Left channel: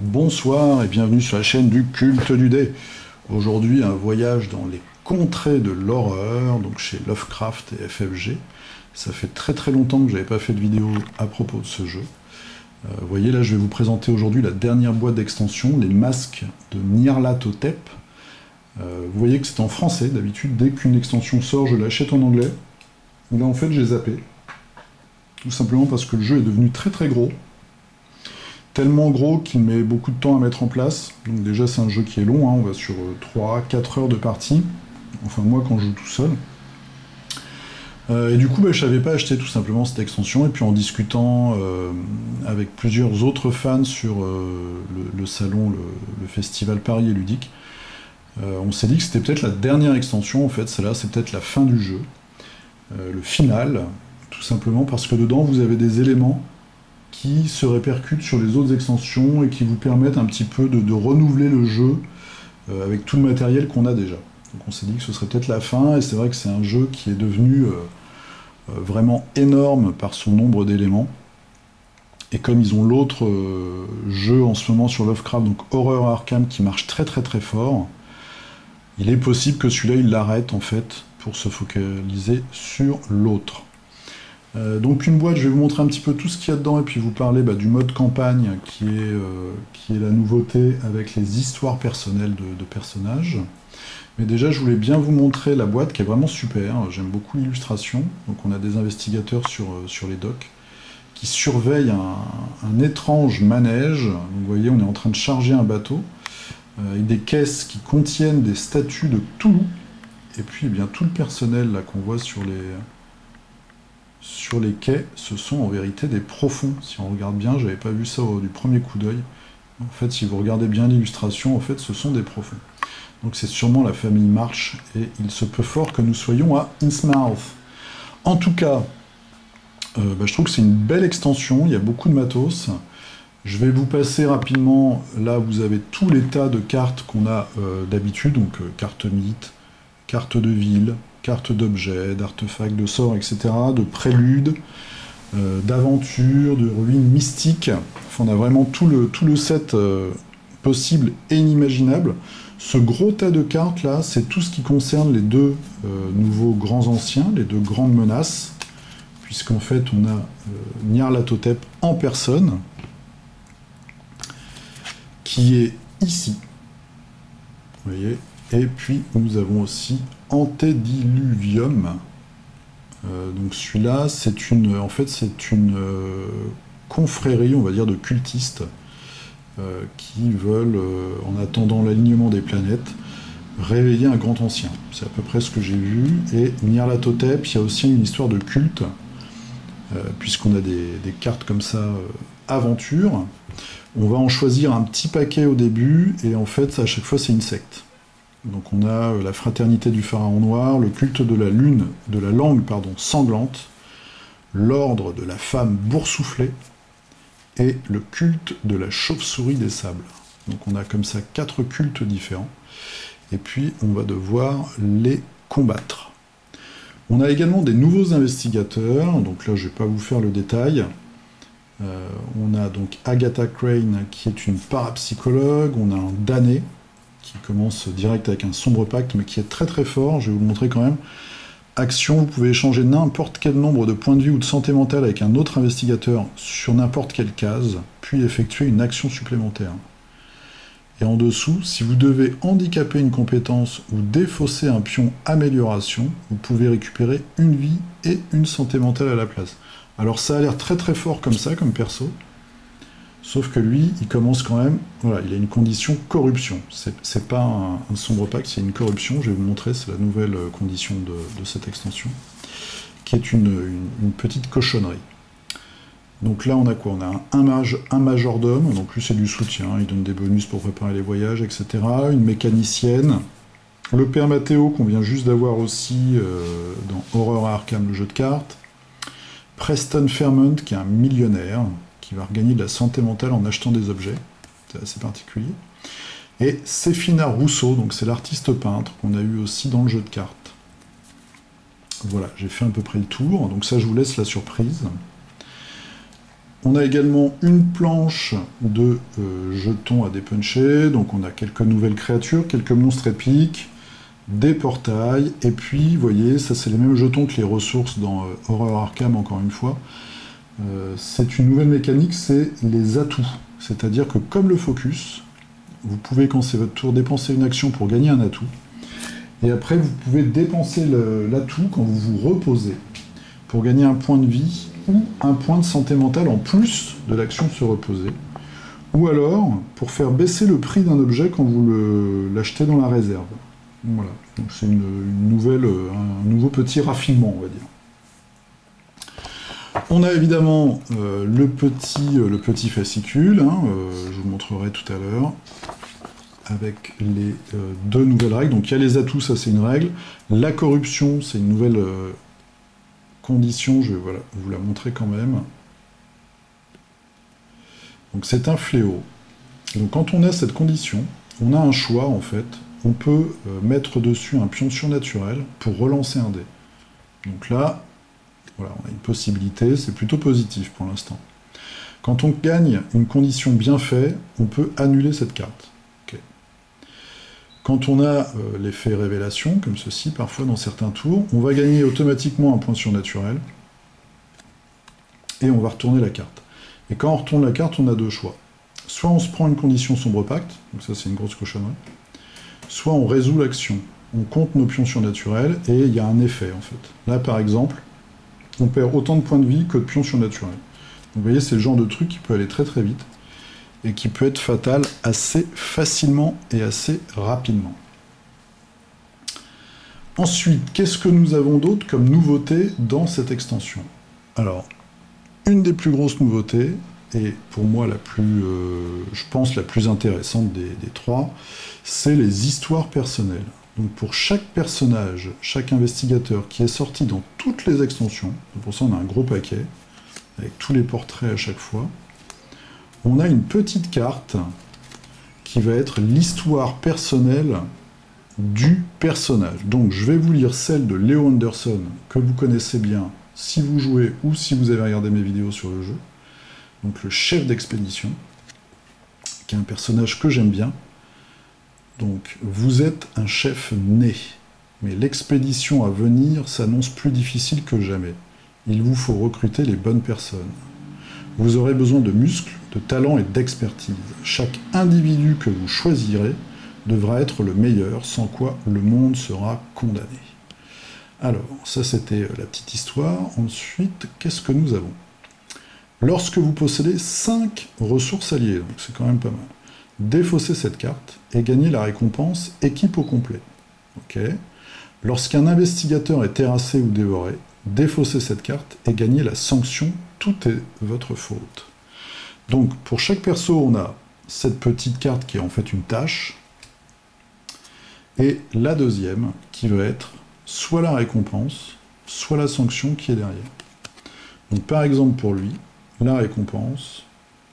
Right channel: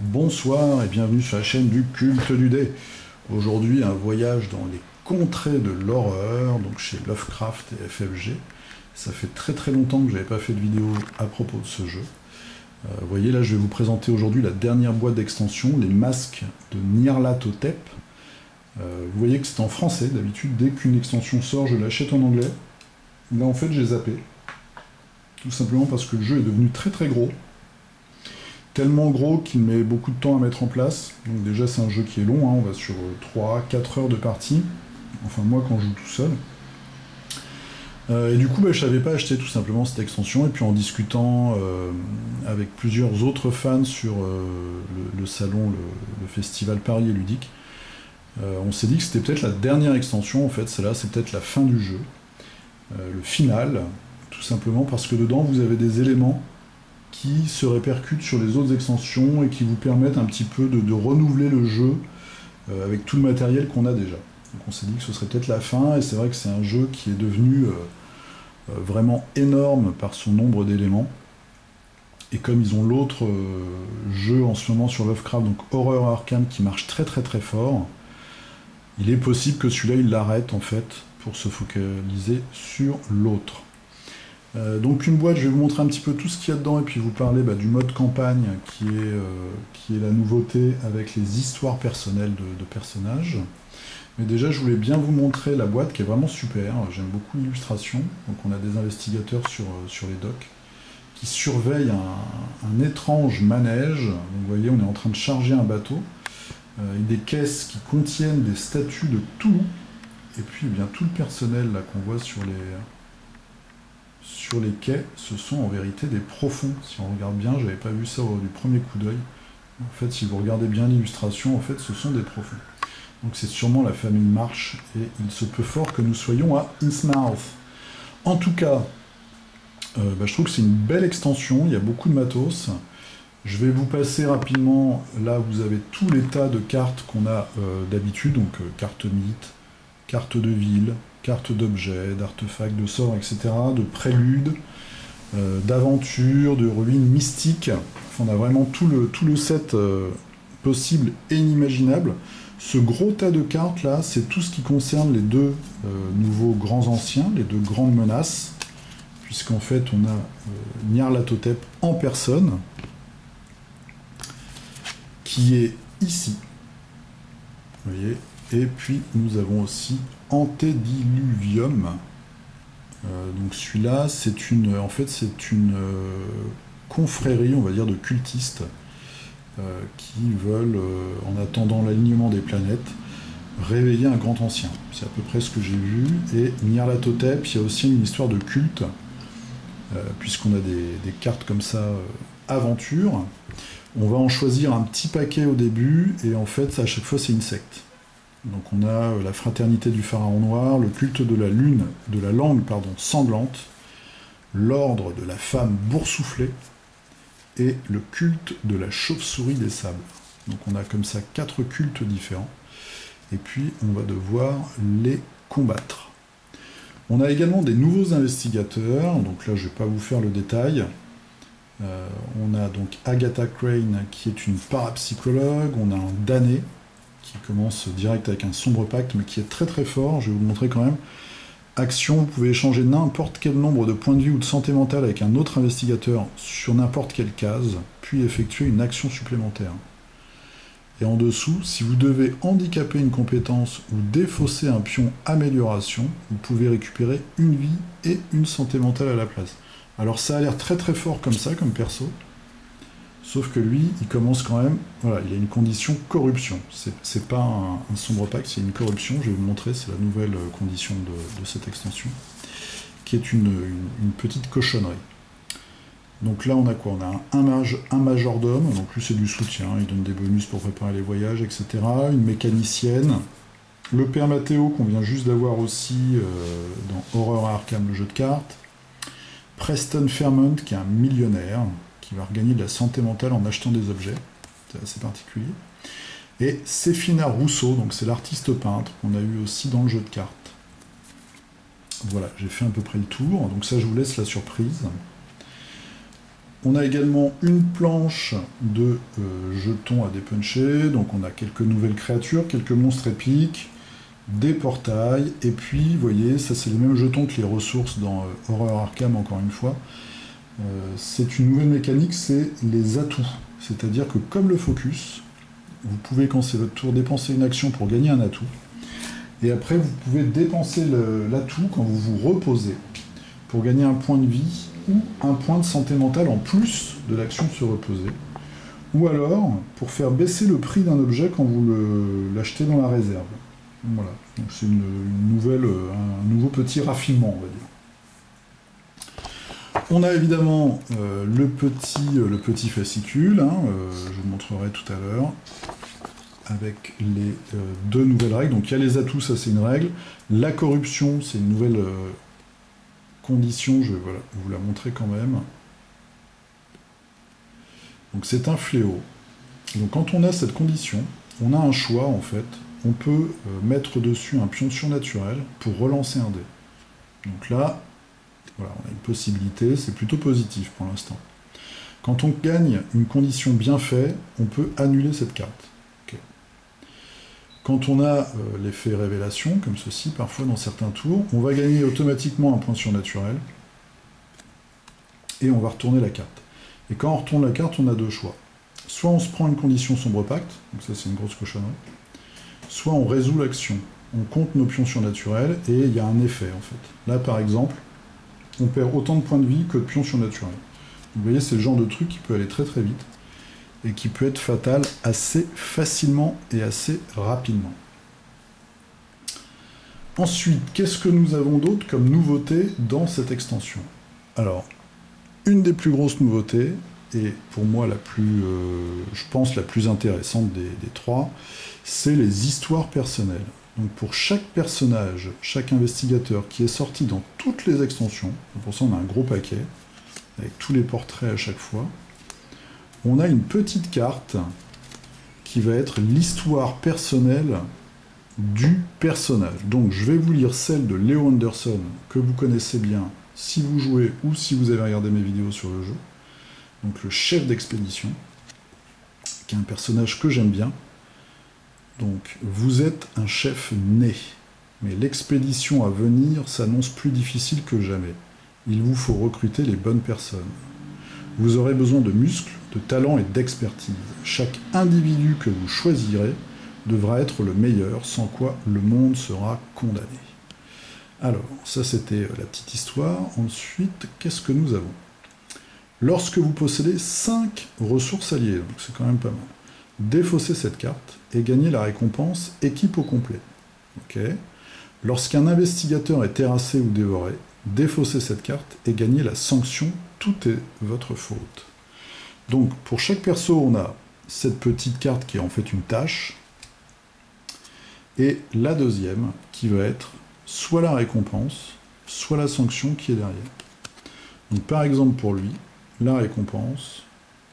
Bonsoir et bienvenue sur la chaîne du culte du dé. Aujourd'hui, un voyage dans les contrées de l'horreur, donc chez Lovecraft et FFG. Ça fait très très longtemps que je n'avais pas fait de vidéo à propos de ce jeu. Vous voyez là, je vais vous présenter aujourd'hui la dernière boîte d'extension, les masques de Nyarlathotep. Vous voyez que c'est en français, d'habitude, dès qu'une extension sort, je l'achète en anglais. Là en fait, j'ai zappé. Tout simplement parce que le jeu est devenu très très gros. Tellement gros qu'il met beaucoup de temps à mettre en place. Donc déjà c'est un jeu qui est long, hein, on va sur 3-4 heures de partie. Enfin moi quand je joue tout seul. Et du coup je savais pas acheter tout simplement cette extension, et puis en discutant avec plusieurs autres fans sur le salon, le festival Paris et Ludique, on s'est dit que c'était peut-être la dernière extension, en fait celle-là c'est peut-être la fin du jeu, le final, tout simplement parce que dedans vous avez des éléments qui se répercutent sur les autres extensions et qui vous permettent un petit peu de renouveler le jeu avec tout le matériel qu'on a déjà. Donc on s'est dit que ce serait peut-être la fin, et c'est vrai que c'est un jeu qui est devenu vraiment énorme par son nombre d'éléments. Et comme ils ont l'autre jeu en ce moment sur Lovecraft, donc Horror Arkham, qui marche très très très fort, il est possible que celui-là il l'arrête en fait pour se focaliser sur l'autre. Donc une boîte, je vais vous montrer un petit peu tout ce qu'il y a dedans et puis vous parler du mode campagne qui est la nouveauté avec les histoires personnelles de personnages. Mais déjà je voulais bien vous montrer la boîte qui est vraiment super, j'aime beaucoup l'illustration. Donc on a des investigateurs sur les docks qui surveillent un étrange manège. Donc, vous voyez, on est en train de charger un bateau avec des caisses qui contiennent des statues de Cthulhu, et puis bien tout le personnel là qu'on voit sur les quais, ce sont en vérité des profonds. Si on regarde bien, j'avais pas vu ça du premier coup d'œil. En fait, si vous regardez bien l'illustration, en fait, ce sont des profonds. Donc c'est sûrement la famille Marsh, et il se peut fort que nous soyons à Innsmouth. En tout cas, je trouve que c'est une belle extension, il y a beaucoup de matos. Je vais vous passer rapidement, là vous avez tous les tas de cartes qu'on a d'habitude, donc cartes mythes, cartes de ville, cartes d'objets, d'artefacts, de sorts, etc., de préludes, d'aventures, de ruines mystiques. Enfin, on a vraiment tout le set possible et inimaginable. Ce gros tas de cartes là, c'est tout ce qui concerne les deux nouveaux grands anciens, les deux grandes menaces, puisqu'en fait on a Nyarlathotep en personne, qui est ici. Vous voyez. Et puis nous avons aussi Antediluvium. Donc celui-là, c'est une confrérie, on va dire, de cultistes qui veulent, en attendant l'alignement des planètes, réveiller un grand ancien. C'est à peu près ce que j'ai vu. Et Nyarlathotep, il y a aussi une histoire de culte, puisqu'on a des cartes comme ça, aventure. On va en choisir un petit paquet au début, et en fait, à chaque fois, c'est une secte. Donc on a la fraternité du pharaon noir, le culte de la lune, de la langue sanglante, l'ordre de la femme boursouflée, et le culte de la chauve-souris des sables. Donc on a comme ça 4 cultes différents, et puis on va devoir les combattre. On a également des nouveaux investigateurs, donc là je ne vais pas vous faire le détail. On a donc Agatha Crane qui est une parapsychologue, on a un damné qui commence direct avec un sombre pacte, mais qui est très très fort, je vais vous montrer quand même. Action, vous pouvez échanger n'importe quel nombre de points de vie ou de santé mentale avec un autre investigateur sur n'importe quelle case, puis effectuer une action supplémentaire. Et en dessous, si vous devez handicaper une compétence ou défausser un pion amélioration, vous pouvez récupérer une vie et une santé mentale à la place. Alors ça a l'air très très fort comme ça, comme perso, sauf que lui, il commence quand même, voilà, il a une condition corruption. C'est pas un sombre pacte, c'est une corruption. Je vais vous montrer, c'est la nouvelle condition de cette extension, qui est une petite cochonnerie. Donc là, on a quoi? On a un majordome, donc lui c'est du soutien, il donne des bonus pour préparer les voyages, etc. Une mécanicienne, le père Mathéo qu'on vient juste d'avoir aussi dans Horror Arkham, le jeu de cartes, Preston Fairmont qui est un millionnaire, qui va regagner de la santé mentale en achetant des objets, c'est assez particulier. Et Séphina Rousseau, donc c'est l'artiste peintre qu'on a eu aussi dans le jeu de cartes. Voilà, j'ai fait à peu près le tour, donc ça je vous laisse la surprise. On a également une planche de jetons à dépuncher, donc on a quelques nouvelles créatures, quelques monstres épiques, des portails, et puis, vous voyez, ça c'est les mêmes jetons que les ressources dans Horror Arkham, encore une fois. C'est une nouvelle mécanique, c'est les atouts. C'est-à-dire que comme le focus, vous pouvez, quand c'est votre tour, dépenser une action pour gagner un atout, et après vous pouvez dépenser l'atout quand vous vous reposez, pour gagner un point de vie, ou un point de santé mentale en plus de l'action de se reposer, ou alors pour faire baisser le prix d'un objet quand vous l'achetez dans la réserve. Voilà, donc c'est un nouveau petit raffinement, on va dire. On a évidemment le petit fascicule, hein, je vous le montrerai tout à l'heure, avec les deux nouvelles règles. Donc il y a les atouts, ça c'est une règle. La corruption, c'est une nouvelle condition, je vais vous la montrer quand même. Donc c'est un fléau. Donc quand on a cette condition, on a un choix en fait. On peut mettre dessus un pion surnaturel pour relancer un dé. Donc là, voilà, on a une possibilité, c'est plutôt positif pour l'instant. Quand on gagne une condition bien faite, on peut annuler cette carte. Okay. Quand on a l'effet révélation, comme ceci, parfois dans certains tours, on va gagner automatiquement un point surnaturel, et on va retourner la carte. Et quand on retourne la carte, on a deux choix. Soit on se prend une condition sombre pacte, donc ça c'est une grosse cochonnerie, soit on résout l'action. On compte nos pions surnaturels, et il y a un effet en fait. Là par exemple, on perd autant de points de vie que de pions surnaturels. Vous voyez, c'est le genre de truc qui peut aller très très vite, et qui peut être fatal assez facilement et assez rapidement. Ensuite, qu'est-ce que nous avons d'autre comme nouveauté dans cette extension? Alors, une des plus grosses nouveautés, et pour moi la plus, je pense la plus intéressante des trois, c'est les histoires personnelles. Donc pour chaque personnage, chaque investigateur qui est sorti dans toutes les extensions, pour ça on a un gros paquet, avec tous les portraits à chaque fois, on a une petite carte qui va être l'histoire personnelle du personnage. Donc je vais vous lire celle de Leo Anderson, que vous connaissez bien si vous jouez ou si vous avez regardé mes vidéos sur le jeu. Donc le chef d'expédition, qui est un personnage que j'aime bien. Donc vous êtes un chef né, mais l'expédition à venir s'annonce plus difficile que jamais. Il vous faut recruter les bonnes personnes. Vous aurez besoin de muscles, de talent et d'expertise. Chaque individu que vous choisirez devra être le meilleur, sans quoi le monde sera condamné. Alors, ça c'était la petite histoire. Ensuite, qu'est-ce que nous avons? Lorsque vous possédez 5 ressources alliées, donc c'est quand même pas mal, défaussez cette carte et gagnez la récompense équipe au complet. Okay. Lorsqu'un investigateur est terrassé ou dévoré, défaussez cette carte et gagnez la sanction tout est votre faute. Donc pour chaque perso, on a cette petite carte qui est en fait une tâche, et la deuxième qui va être soit la récompense, soit la sanction qui est derrière. Donc par exemple pour lui, la récompense,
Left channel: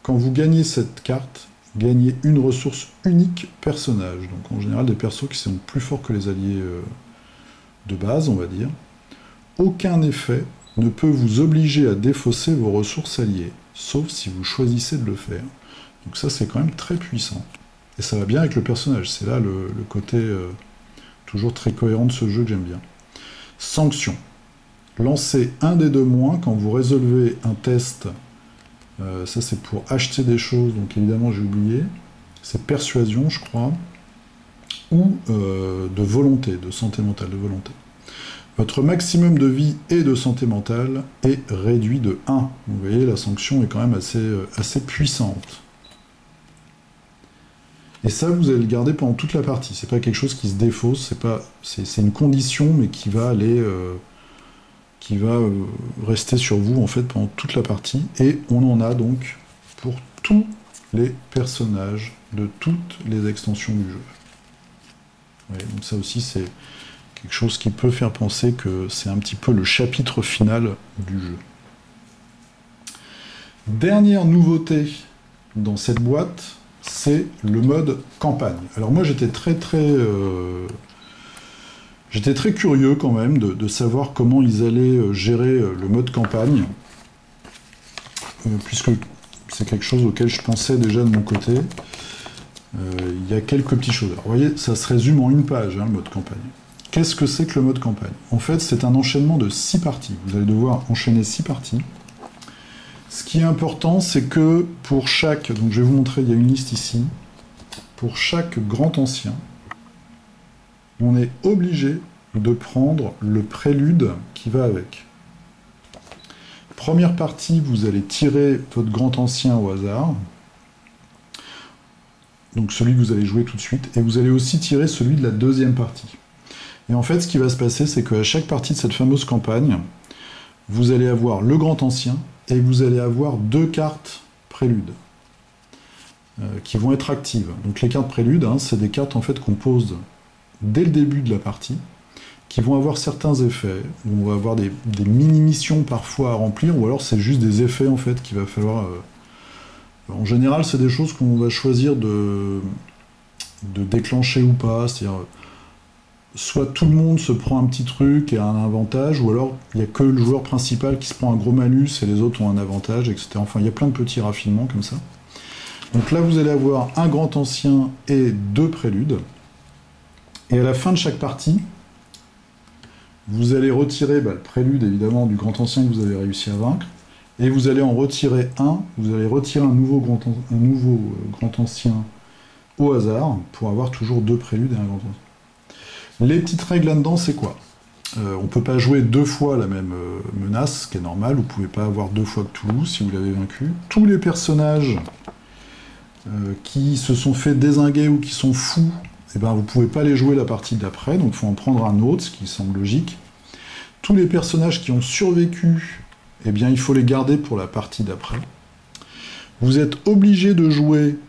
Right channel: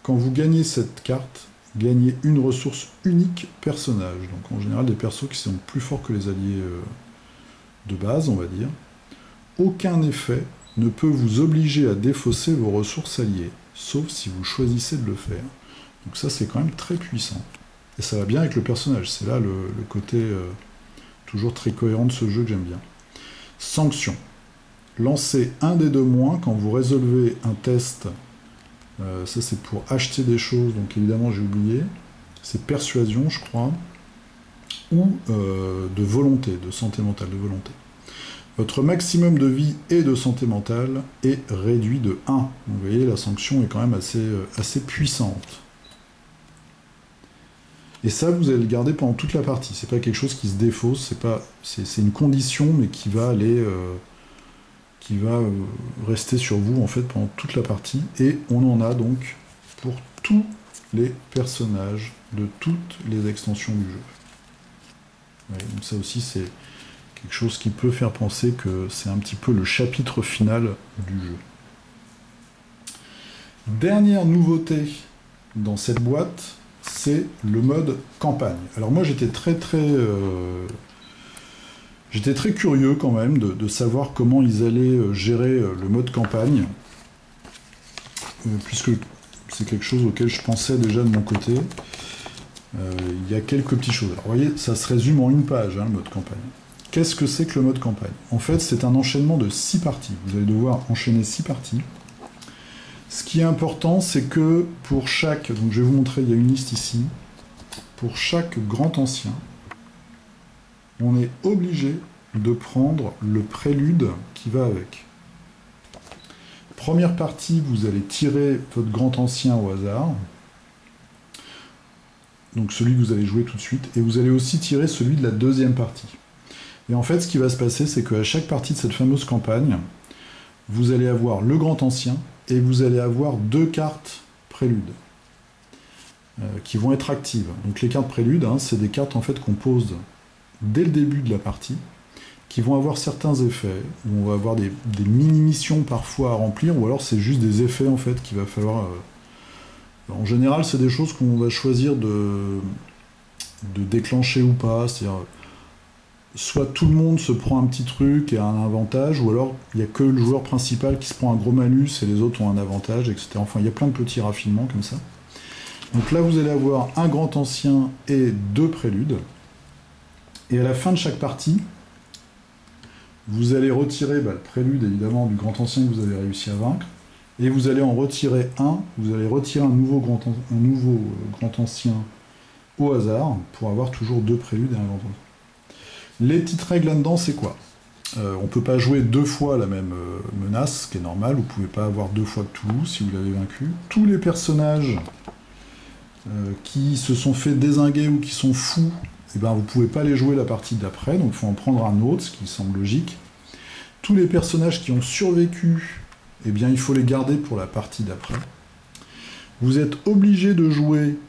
quand vous gagnez cette carte, gagnez une ressource unique personnage. Donc en général des persos qui sont plus forts que les alliés de base, on va dire. Aucun effet ne peut vous obliger à défausser vos ressources alliées, sauf si vous choisissez de le faire. Donc ça c'est quand même très puissant. Et ça va bien avec le personnage, c'est là le côté toujours très cohérent de ce jeu que j'aime bien. Sanction. Lancez un des deux moins quand vous résolvez un test. Ça c'est pour acheter des choses, donc évidemment j'ai oublié. C'est persuasion, je crois. Ou de volonté, de santé mentale, de volonté. Votre maximum de vie et de santé mentale est réduit de 1. Vous voyez, la sanction est quand même assez puissante. Et ça, vous allez le garder pendant toute la partie. C'est pas quelque chose qui se défausse, c'est une condition, mais qui va aller, rester sur vous en fait pendant toute la partie. Et on en a donc pour tous les personnages de toutes les extensions du jeu. Ouais, donc ça aussi, c'est quelque chose qui peut faire penser que c'est un petit peu le chapitre final du jeu. Dernière nouveauté dans cette boîte, c'est le mode campagne. Alors moi j'étais très curieux quand même de savoir comment ils allaient gérer le mode campagne. puisque c'est quelque chose auquel je pensais déjà de mon côté. Il y a quelques petites choses. Alors, vous voyez, ça se résume en une page, hein, le mode campagne. Qu'est-ce que c'est que le mode campagne? En fait, c'est un enchaînement de 6 parties. Vous allez devoir enchaîner 6 parties. Ce qui est important, c'est que pour chaque... Donc je vais vous montrer, il y a une liste ici. Pour chaque grand ancien, on est obligé de prendre le prélude qui va avec. Première partie, vous allez tirer votre grand ancien au hasard. Donc celui que vous allez jouer tout de suite. Et vous allez aussi tirer celui de la deuxième partie. Et en fait, ce qui va se passer, c'est qu'à chaque partie de cette fameuse campagne, vous allez avoir le grand ancien et vous allez avoir 2 cartes préludes qui vont être actives. Donc les cartes préludes, hein, c'est des cartes en fait qu'on pose dès le début de la partie, qui vont avoir certains effets. On va avoir des mini-missions parfois à remplir, ou alors c'est juste des effets en fait qu'il va falloir... En général, c'est des choses qu'on va choisir de déclencher ou pas, c'est-à-dire soit tout le monde se prend un petit truc et a un avantage, ou alors il n'y a que le joueur principal qui se prend un gros malus et les autres ont un avantage, etc. Enfin, il y a plein de petits raffinements comme ça. Donc là, vous allez avoir un grand ancien et 2 préludes. Et à la fin de chaque partie, vous allez retirer le prélude, évidemment, du grand ancien que vous avez réussi à vaincre, et vous allez en retirer un, vous allez retirer un nouveau grand ancien au hasard, pour avoir toujours 2 préludes et un grand ancien. Les petites règles là-dedans, c'est quoi? On ne peut pas jouer 2 fois la même menace, ce qui est normal, vous ne pouvez pas avoir 2 fois Cthulhu si vous l'avez vaincu. Tous les personnages qui se sont fait dézinguer ou qui sont fous, eh ben, vous ne pouvez pas les jouer la partie d'après, donc il faut en prendre un autre, ce qui semble logique. Tous les personnages qui ont survécu, eh bien, il faut les garder pour la partie d'après. Vous êtes obligé de jouer,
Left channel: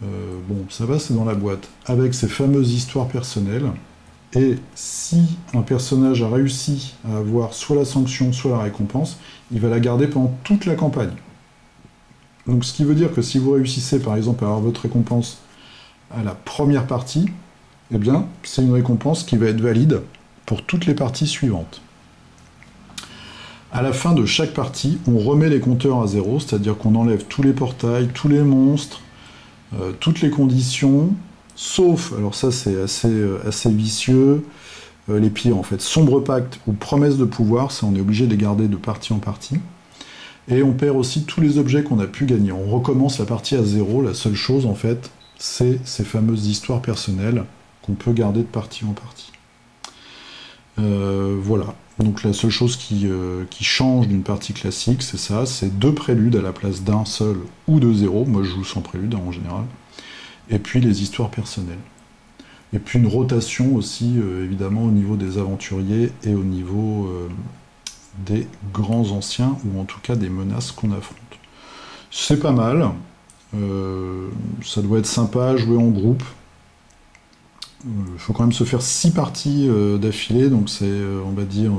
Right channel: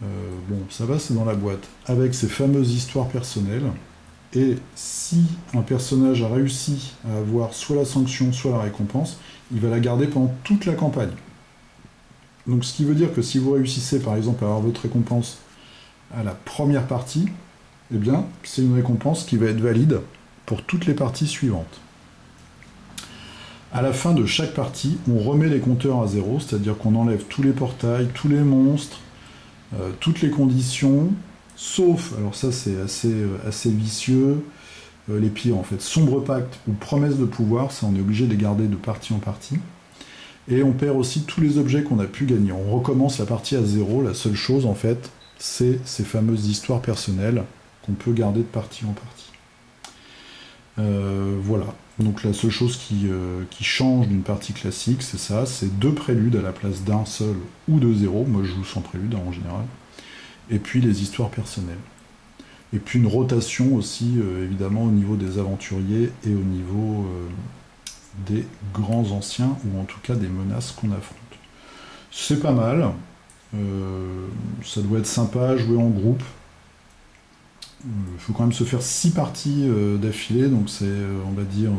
bon, ça va, c'est dans la boîte, avec ces fameuses histoires personnelles. Et si un personnage a réussi à avoir soit la sanction, soit la récompense, il va la garder pendant toute la campagne. Donc ce qui veut dire que si vous réussissez par exemple à avoir votre récompense à la première partie, eh bien c'est une récompense qui va être valide pour toutes les parties suivantes. À la fin de chaque partie, on remet les compteurs à 0, c'est-à-dire qu'on enlève tous les portails, tous les monstres, toutes les conditions, sauf, alors ça c'est assez vicieux, les pires en fait, sombre pacte ou promesse de pouvoir, ça on est obligé de les garder de partie en partie. Et on perd aussi tous les objets qu'on a pu gagner. On recommence la partie à 0, la seule chose en fait, c'est ces fameuses histoires personnelles qu'on peut garder de partie en partie. Voilà, donc la seule chose qui change d'une partie classique, c'est ça, c'est 2 préludes à la place d'un seul ou de 0, moi je joue sans prélude en général, et puis les histoires personnelles. Et puis une rotation aussi, évidemment, au niveau des aventuriers et au niveau des grands anciens, ou en tout cas des menaces qu'on affronte. C'est pas mal, ça doit être sympa à jouer en groupe. Il faut quand même se faire 6 parties d'affilée, donc c'est, on va dire,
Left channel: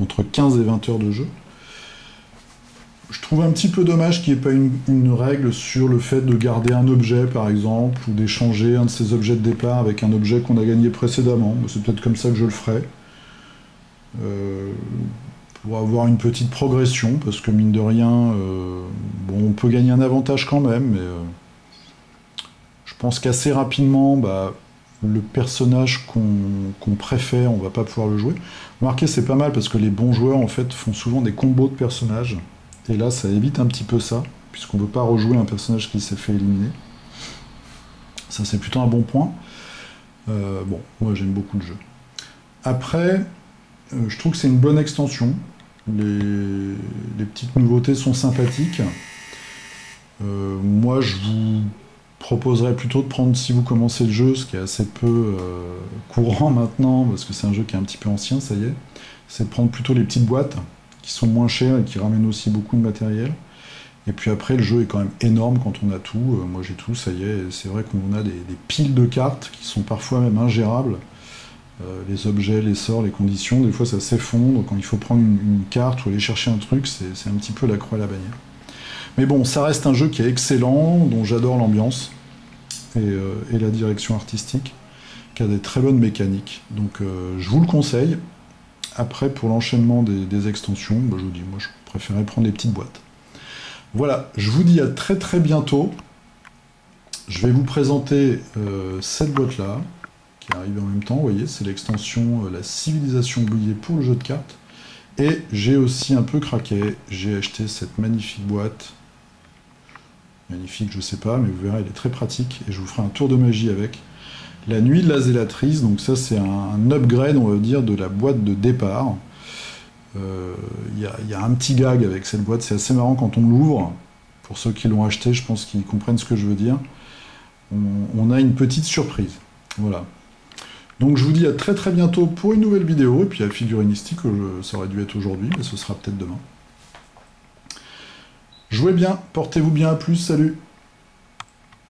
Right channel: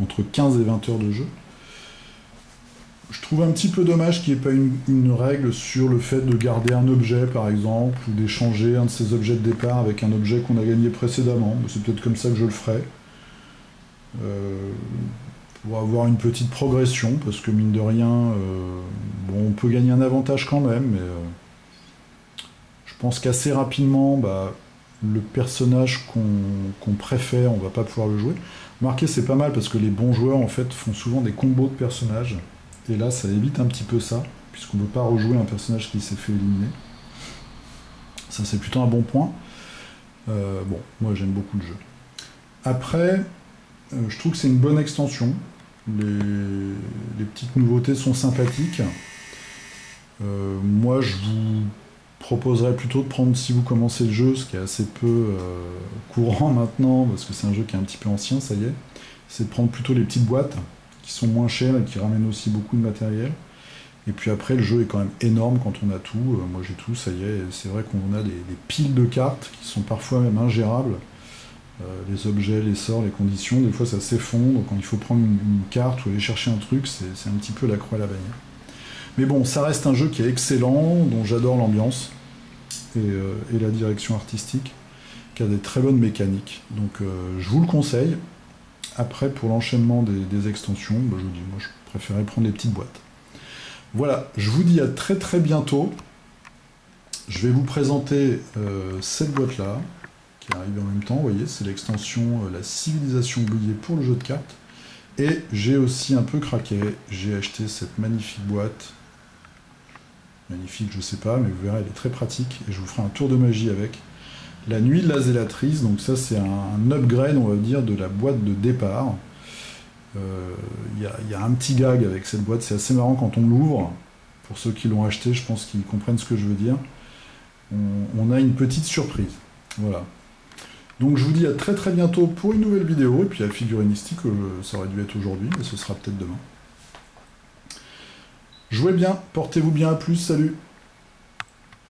entre 15 et 20 heures de jeu. Je trouve un petit peu dommage qu'il n'y ait pas une règle sur le fait de garder un objet, par exemple, ou d'échanger un de ces objets de départ avec un objet qu'on a gagné précédemment. C'est peut-être comme ça que je le ferai. Pour avoir une petite progression, parce que mine de rien, bon, on peut gagner un avantage quand même, mais je pense qu'assez rapidement, le personnage qu'on préfère, on va pas pouvoir le jouer. Remarquez, c'est pas mal, parce que les bons joueurs, en fait, font souvent des combos de personnages. Et là, ça évite un petit peu ça, puisqu'on ne veut pas rejouer un personnage qui s'est fait éliminer. Ça, c'est plutôt un bon point. Bon, moi, j'aime beaucoup le jeu. Après, je trouve que c'est une bonne extension. Les petites nouveautés sont sympathiques. Moi, je vous proposerais plutôt de prendre, si vous commencez le jeu, ce qui est assez peu courant maintenant, parce que c'est un jeu qui est un petit peu ancien, ça y est, c'est de prendre plutôt les petites boîtes, qui sont moins chères et qui ramènent aussi beaucoup de matériel. Et puis après, le jeu est quand même énorme quand on a tout. Moi j'ai tout, ça y est. C'est vrai qu'on a des piles de cartes qui sont parfois même ingérables. Les objets, les sorts, les conditions, des fois ça s'effondre. Quand il faut prendre une carte ou aller chercher un truc, c'est un petit peu la croix à la bannière. Mais bon, ça reste un jeu qui est excellent, dont j'adore l'ambiance et la direction artistique, qui a des très bonnes mécaniques. Donc je vous le conseille. Après, pour l'enchaînement des extensions, je vous dis, moi je préférais prendre les petites boîtes. Voilà, je vous dis à très très bientôt. Je vais vous présenter cette boîte-là, qui arrive en même temps, vous voyez, c'est l'extension La Civilisation oubliée pour le jeu de cartes. Et j'ai aussi un peu craqué, j'ai acheté cette magnifique boîte. Magnifique, je sais pas, mais vous verrez, elle est très pratique, et je vous ferai un tour de magie avec. La Nuit de la Zélatrice, donc ça c'est un upgrade, on va dire, de la boîte de départ. Il y a un petit gag avec cette boîte, c'est assez marrant quand on l'ouvre. Pour ceux qui l'ont acheté, je pense qu'ils comprennent ce que je veux dire. On a une petite surprise. Voilà. Donc je vous dis à très très bientôt pour une nouvelle vidéo, et puis la figuristique, ça aurait dû être aujourd'hui, mais ce sera peut-être demain. Jouez bien, portez-vous bien, à plus, salut!